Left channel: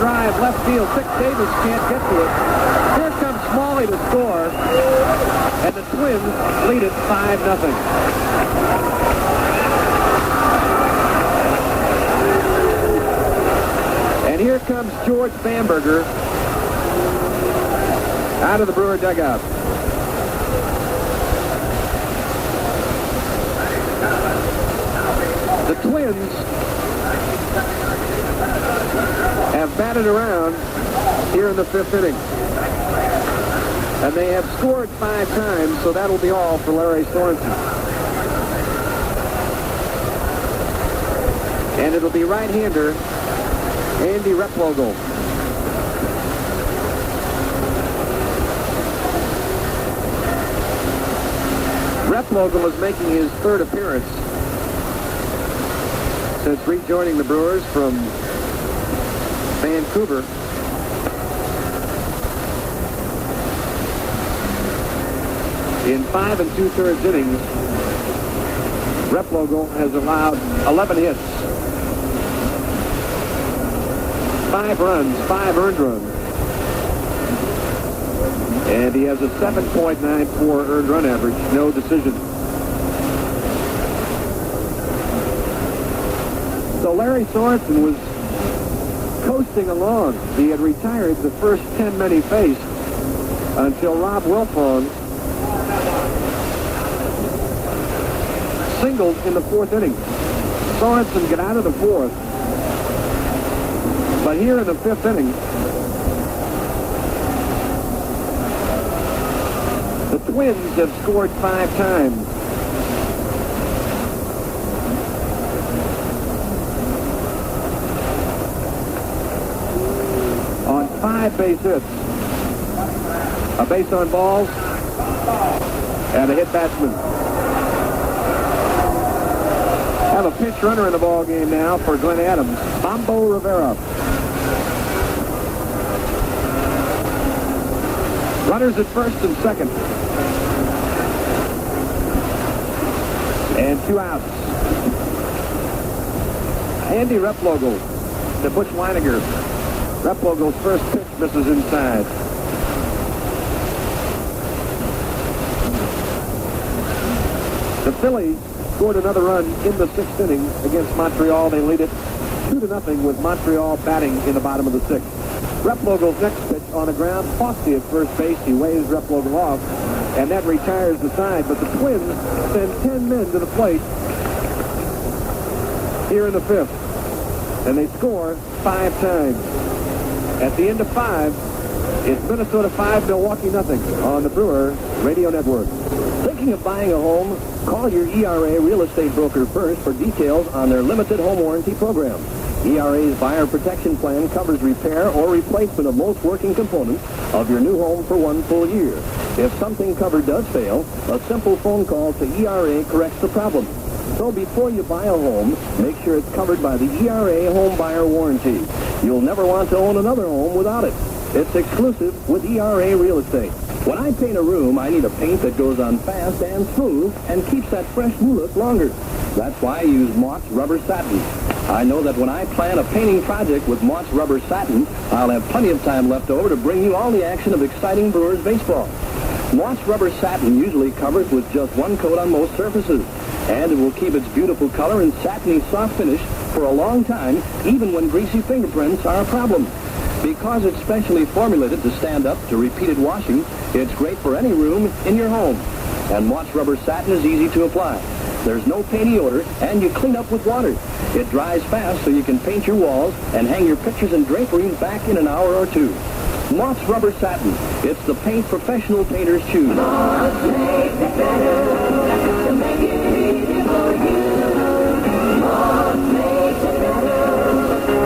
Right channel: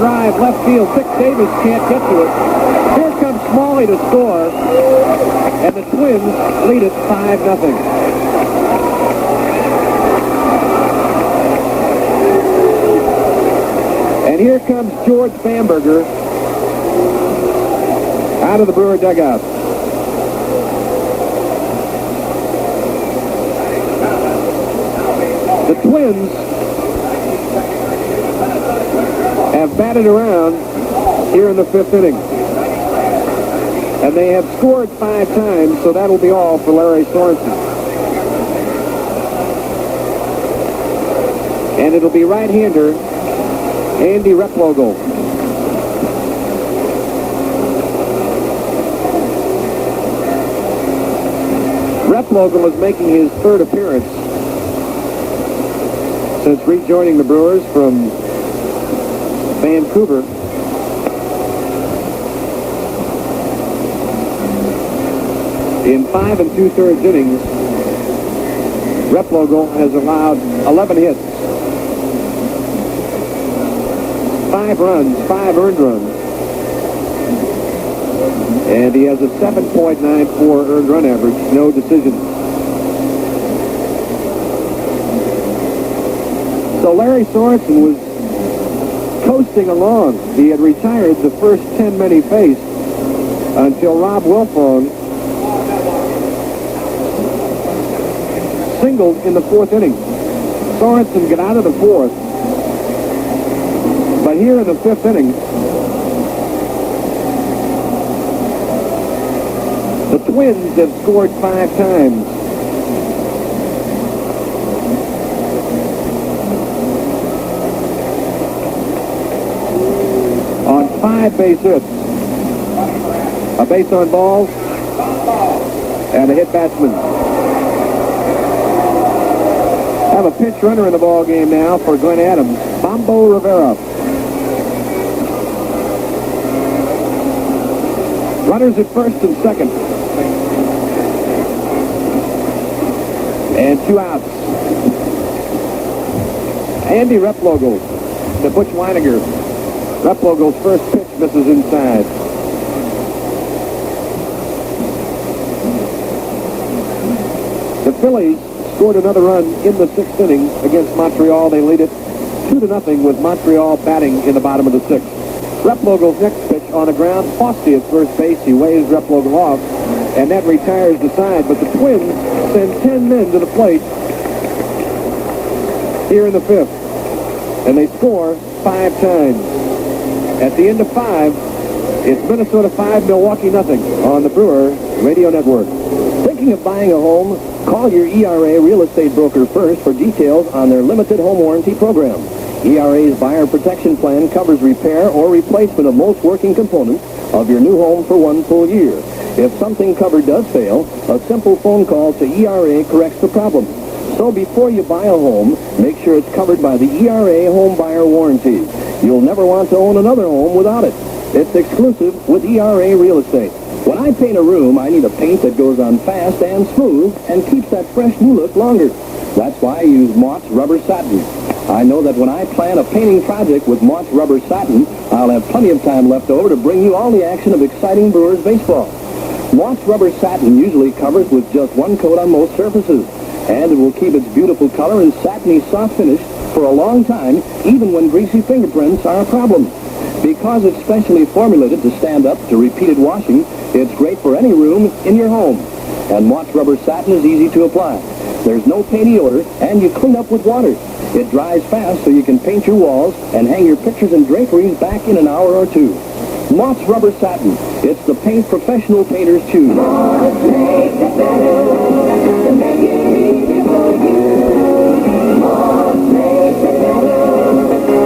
drive, left field. Dick Davis can't get to it. Here comes Smalley to score, and the Twins lead it 5-0. And here comes George Bamberger out of the Brewer dugout. The Twins have batted around here in the 5th inning. And they have scored 5 times, so that'll be all for Larry Sorensen. And it'll be right-hander Andy Replogle. Replogle is making his 3rd appearance since rejoining the Brewers from Vancouver. In 5 2/3 innings, Replogle has allowed 11 hits, 5 runs, 5 earned runs, and he has a 7.94 earned run average, no decisions. So Larry Sorensen was coasting along. He had retired the first 10 men he faced until Rob Wilfong singled in the 4th inning. Sorensen got out of the 4th, but here in the 5th inning, the Twins have scored 5 times. On 5 base hits, a base on balls, and a hit batsman. Have a pinch runner in the ball game now for Glenn Adams, Bombo Rivera. Runners at 1st and 2nd. And 2 outs. Andy Replogle to Butch Weiniger. Replogle's first pitch misses inside. The Phillies scored another run in the 6th inning against Montreal. They lead it 2-0 with Montreal batting in the bottom of the 6th. Replogle's next pitch on the ground, Fosty at first base. He waves Replogle off, and that retires the side. But the Twins send 10 men to the plate here in the 5th, and they score 5 times. At the end of 5, it's Minnesota 5, Milwaukee nothing on the Brewer Radio Network. Thinking of buying a home? Call your ERA real estate broker first for details on their limited home warranty program. ERA's buyer protection plan covers repair or replacement of most working components of your new home for 1 full year. If something covered does fail, a simple phone call to ERA corrects the problem. So before you buy a home, make sure it's covered by the ERA home buyer warranty. You'll never want to own another home without it. It's exclusive with ERA Real Estate. When I paint a room, I need a paint that goes on fast and smooth and keeps that fresh new look longer. That's why I use Mott's Rubber Satin. I know that when I plan a painting project with Mott's Rubber Satin, I'll have plenty of time left over to bring you all the action of exciting Brewers baseball. Mott's Rubber Satin usually covers with just 1 coat on most surfaces, and it will keep its beautiful color and satiny soft finish for a long time, even when greasy fingerprints are a problem. Because it's specially formulated to stand up to repeated washing, it's great for any room in your home. And Mott's Rubber Satin is easy to apply. There's no painty odor, and you clean up with water. It dries fast so you can paint your walls and hang your pictures and draperies back in an hour or 2. Mott's Rubber Satin. It's the paint professional painters choose. Mott's makes it better to make it easy for you. Mott's makes it better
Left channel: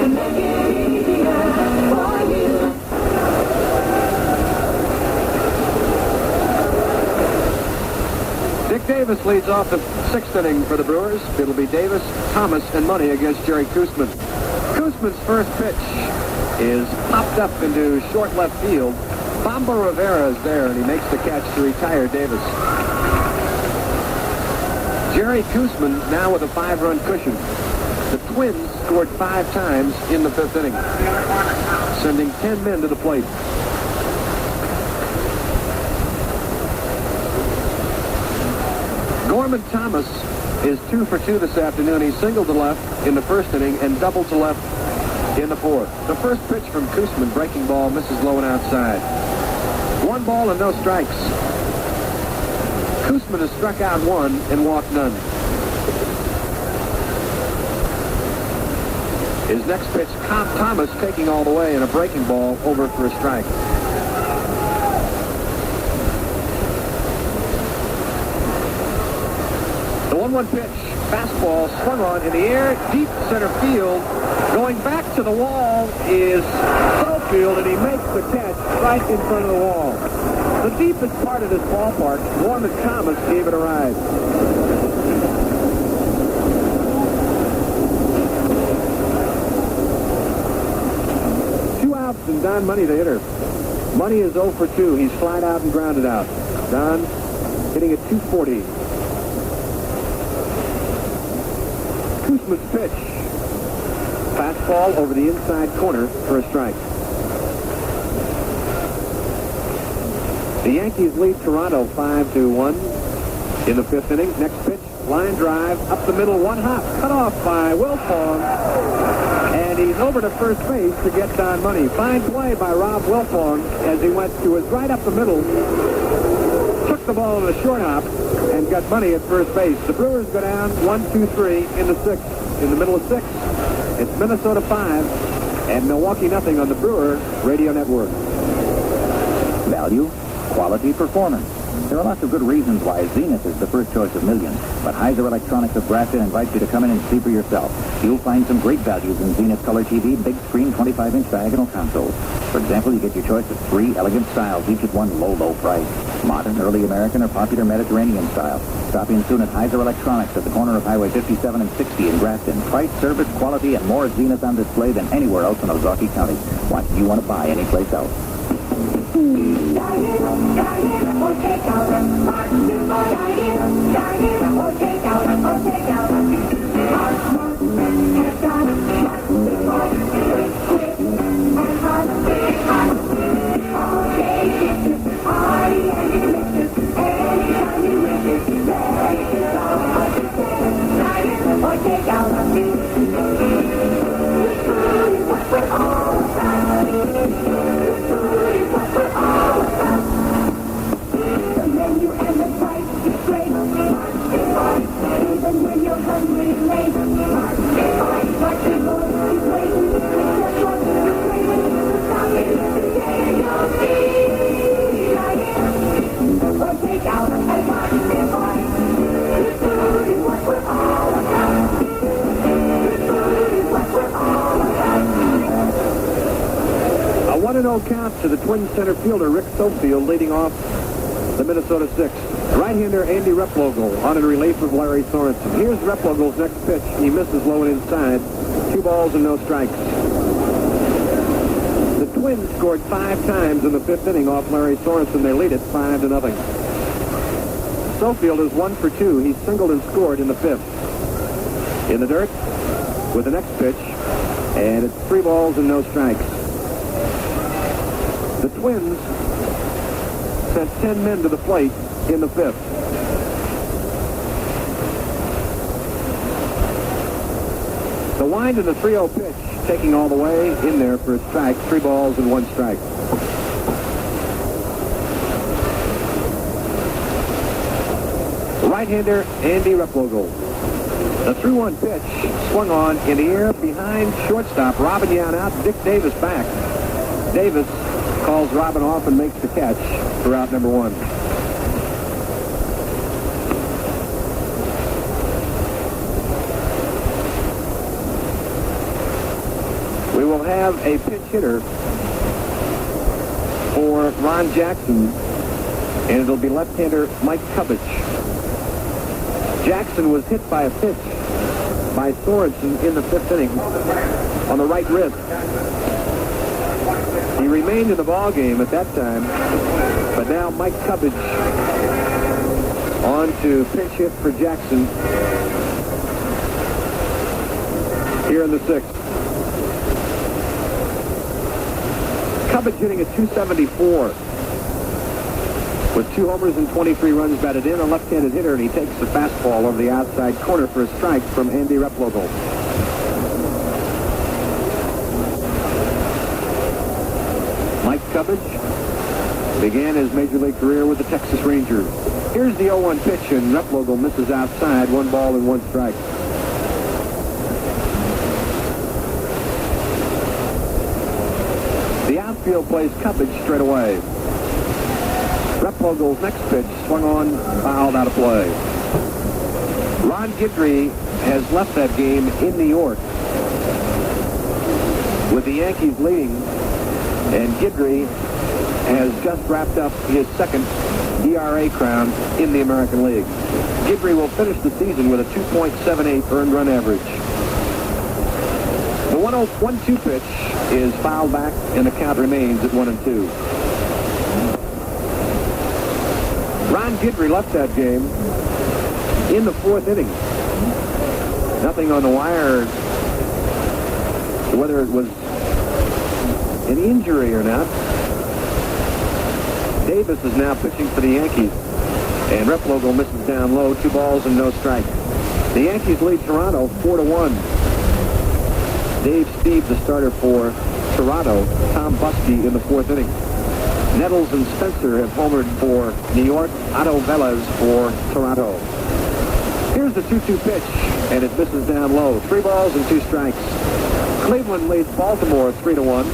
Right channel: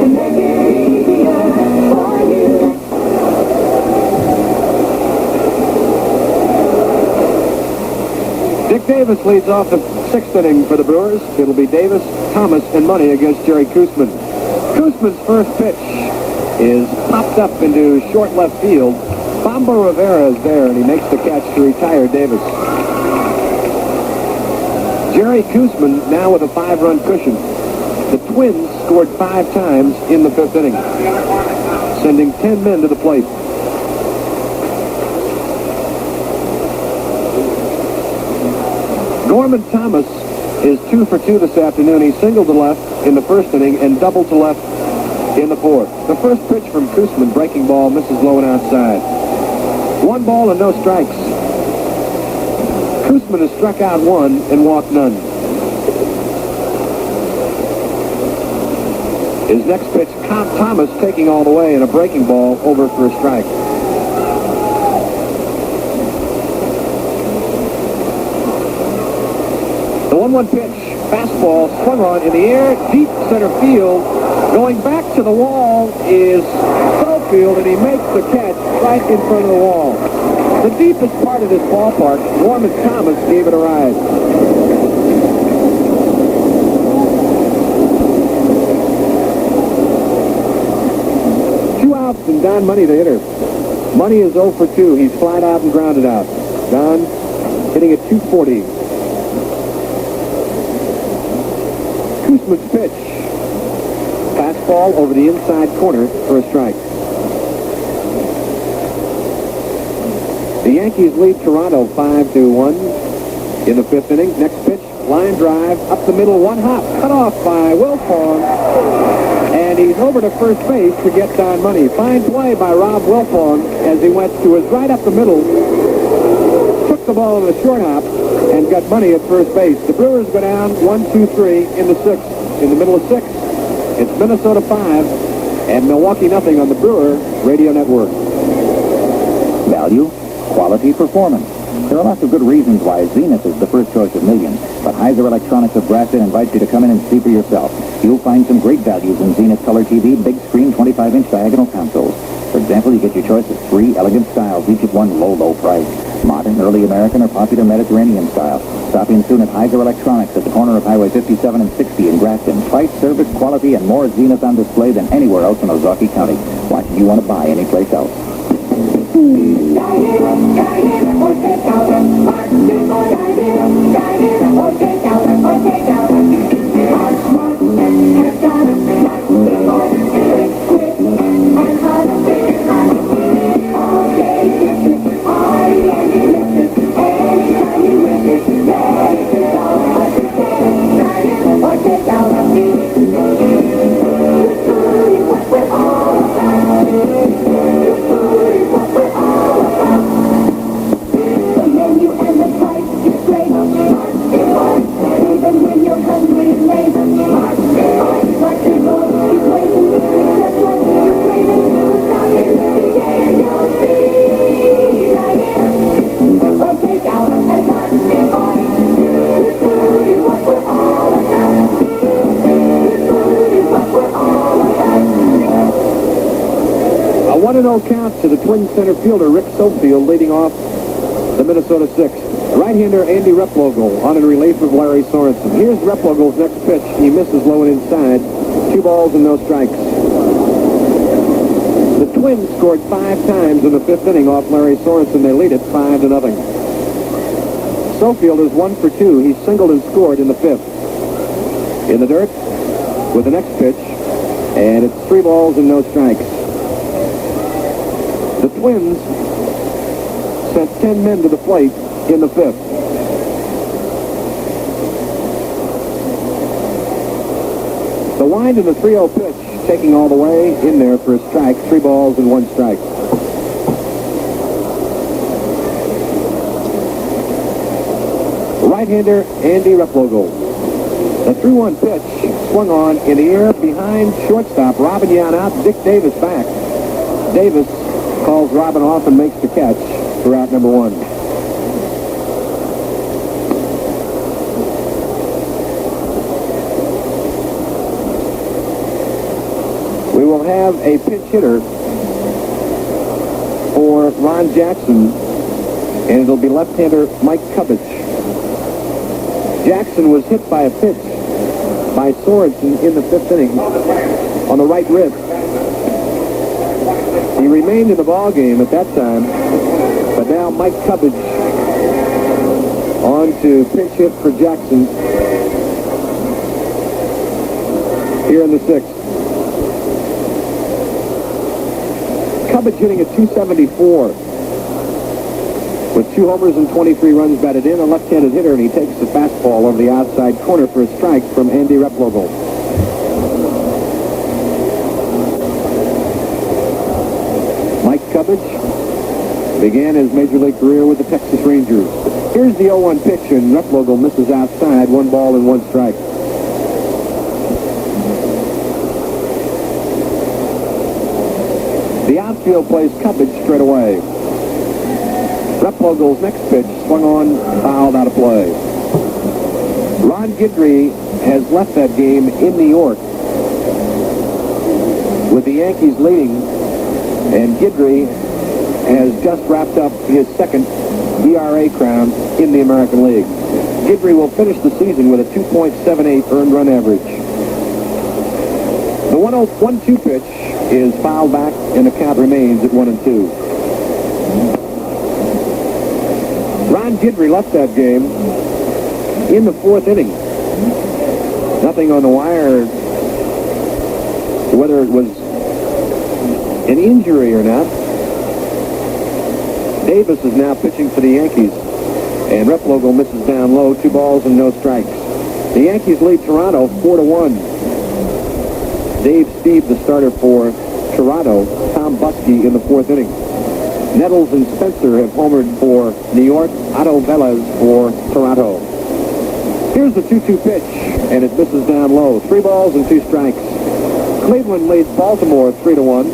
to make it easier for you. Dick Davis leads off the 6th inning for the Brewers. It'll be Davis, Thomas, and Money against Jerry Koosman. Koosman's first pitch is popped up into short left field. Bombo Rivera is there, and he makes the catch to retire Davis. Jerry Koosman now with a 5-run cushion. The Twins scored 5 times in the 5th inning. sending 10 men to the plate. Gorman Thomas is 2 for 2 this afternoon. He singled to left in the first inning and doubled to left in the fourth. The first pitch from Koosman, breaking ball, misses low and outside. 1 ball and no strikes. Koosman has struck out 1 and walked none. His next pitch, Thomas taking all the way, and a breaking ball over for a strike. The 1-1 pitch, fastball swung on in the air, deep center field. Going back to the wall is Schofield, and he makes the catch right in front of the wall. The deepest part of this ballpark, Gorman Thomas gave it a ride. And Don Money, the hitter. Money is 0 for 2. He's flied out and grounded out. Don hitting at 240. Koosman's pitch. Fastball over the inside corner for a strike. The Yankees lead Toronto 5-1 in the 5th inning. Next pitch, line drive up the middle, 1 hop, cut off by Wilfong. And he's over to first base to get Don Money. Fine play by Rob Wilfong as he went to his right up the middle, took the ball in the short hop, and got Money at first base. The Brewers go down 1-2-3 in the 6th. In the middle of 6, it's Minnesota 5 and Milwaukee nothing on the Brewer Radio Network. Value, quality, performance. There are lots of good reasons why Zenith is the first choice of millions, but Heiser Electronics of Grafton invites you to come in and see for yourself. You'll find some great values in Zenith Color TV, big screen 25-inch diagonal consoles. For example, you get your choice of 3 elegant styles, each at one low price. Modern, early American, or popular Mediterranean style. Stop in soon at Heiser Electronics at the corner of Highway 57 and 60 in Grafton. Price, service, quality, and more Zenith on display than anywhere else in Ozaukee County. Why should you want to buy anyplace else? Count to the Twins center fielder, Rick Sofield, leading off the Minnesota 6th. Right-hander Andy Replogle on in relief of Larry Sorensen. Here's Replogle's next pitch. He misses low and inside. 2 balls and no strikes. The Twins scored 5 times in the 5th inning off Larry Sorensen. They lead it 5-0. Sofield is 1 for 2. He singled and scored in the 5th. In the dirt with the next pitch, and it's 3 balls and no strikes. The Twins sent 10 men to the plate in the 5th. The wind in the 3-0 pitch, taking all the way in there for a strike. 3 balls and 1 strike. Right-hander Andy Replogle. The 3-1 pitch swung on in the air behind shortstop. Robin Yan out, Dick Davis back. Davis calls Robin off and makes the catch for out number 1. We will have a pinch hitter for Ron Jackson, and it'll be left-hander Mike Cubbage. Jackson was hit by a pitch by Sorensen in the 5th inning on the right wrist. He remained in the ball game at that time, but now Mike Cubbage on to pinch hit for Jackson here in the 6th. Cubbage hitting at .274. With 2 homers and 23 runs batted in, a left-handed hitter, and he takes the fastball over the outside corner for a strike from Andy Replogle. Mike Cubbage began his major league career with the Texas Rangers. Here's the 0-1 pitch, and Replogle misses outside. 1 ball and 1 strike. The outfield plays Cubbage straight away. Replogle's next pitch swung on, fouled out of play. Ron Guidry has left that game in New York with the Yankees leading, and Guidry has just wrapped up his second ERA crown in the American League. Guidry will finish the season with a 2.78 earned run average. The 1-2 pitch is fouled back, and the count remains at 1-2. Ron Guidry left that game in the 4th inning. Nothing on the wire whether it was an injury or not. Davis is now pitching for the Yankees, and Replogle misses down low. 2 balls and no strikes. The Yankees lead Toronto 4-1. Dave Steed, the starter for Toronto. Tom Buskey in the 4th inning. Nettles and Spencer have homered for New York. Otto Velez for Toronto. Here's the 2-2 pitch, and it misses down low. 3 balls and 2 strikes. Cleveland leads Baltimore 3-1.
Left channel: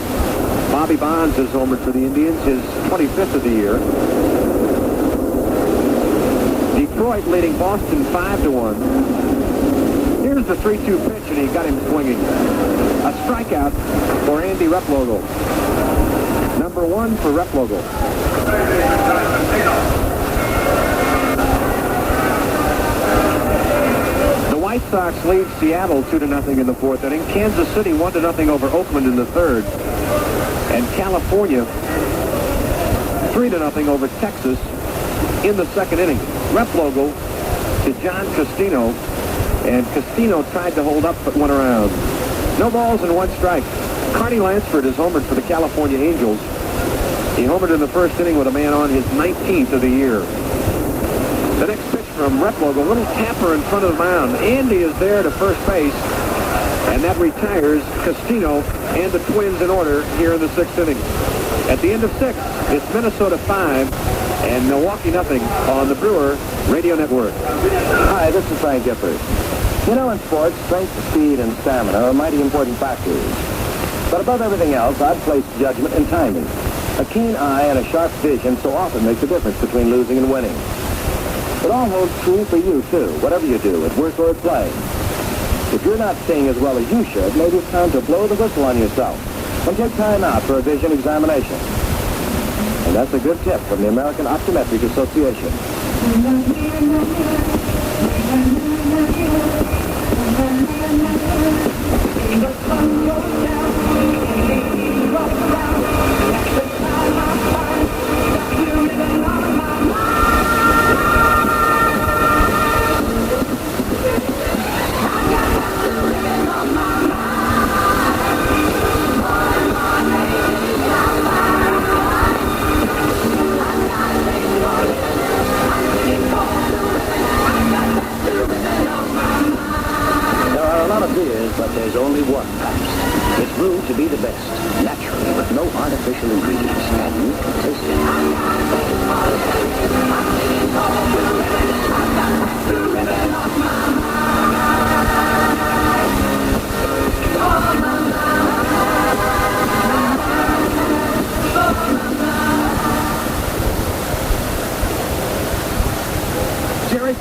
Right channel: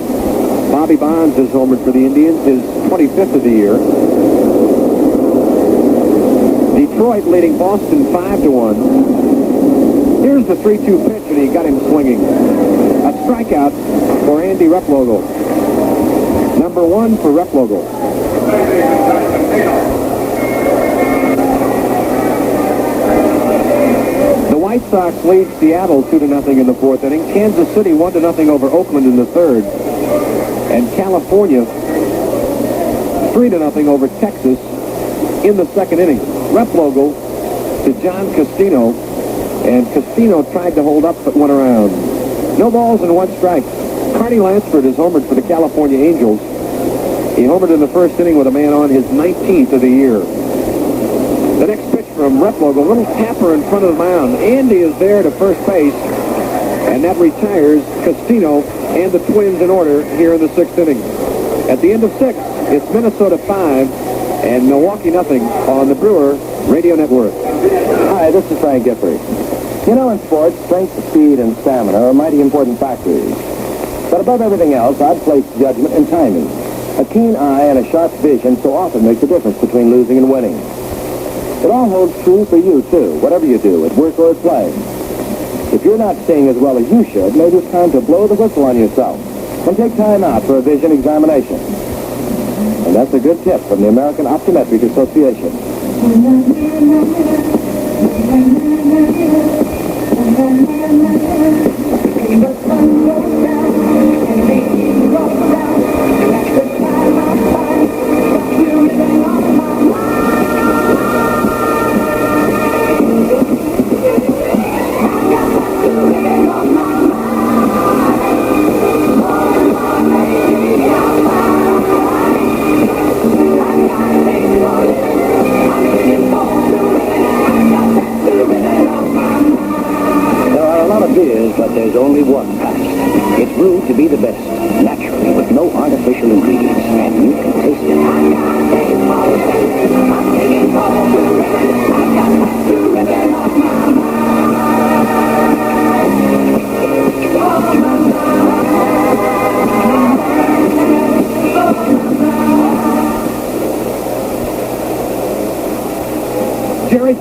Bobby Bonds has homered for the Indians, his 25th of the year. Detroit leading Boston 5-1. Here's the 3-2 pitch, and he got him swinging. A strikeout for Andy Replogle. Number 1 for Replogle. The White Sox lead Seattle 2-0 in the 4th inning. Kansas City 1-0 over Oakland in the 3rd. And California 3-0 over Texas in the 2nd inning. Replogle to John Castino, and Castino tried to hold up but went around. No balls and 1 strike. Carney Lansford is homered for the California Angels. He homered in the 1st inning with a man on, his 19th of the year. The next pitch from Replogle, a little tapper in front of the mound. Andy is there to first base, and that retires Castino and the Twins in order here in the 6th inning. At the end of 6, it's Minnesota 5 and Milwaukee nothing on the Brewer Radio Network. Hi, this is Frank Gifford. You know, in sports, strength, speed, and stamina are mighty important factors. But above everything else, I'd place judgment and timing. A keen eye and a sharp vision so often make the difference between losing and winning. It all holds true for you, too, whatever you do, at work or at play. If you're not seeing as well as you should, maybe it's time to blow the whistle on yourself and take time out for a vision examination. And that's a good tip from the American Optometric Association.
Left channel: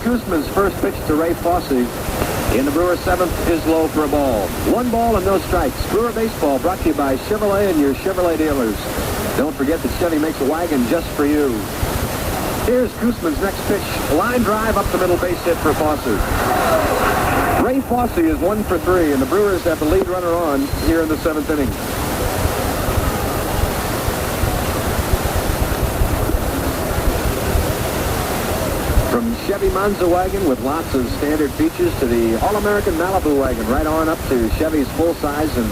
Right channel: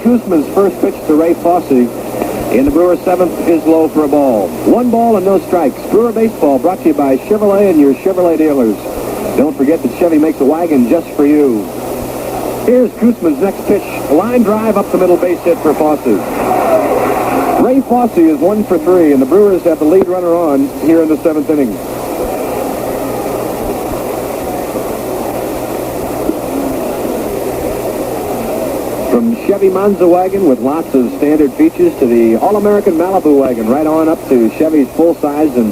Kuzma's first pitch to Ray Fosse in the Brewers' 7th is low for a ball. 1 ball and no strikes. Brewer Baseball brought to you by Chevrolet and your Chevrolet dealers. Don't forget that Chevy makes a wagon just for you. Here's Kuzma's next pitch. A line drive up the middle, base hit for Fosse. Ray Fosse is 1 for 3, and the Brewers have the lead runner on here in the 7th inning. From Chevy Monza wagon with lots of standard features to the All-American Malibu wagon, right on up to Chevy's full-size and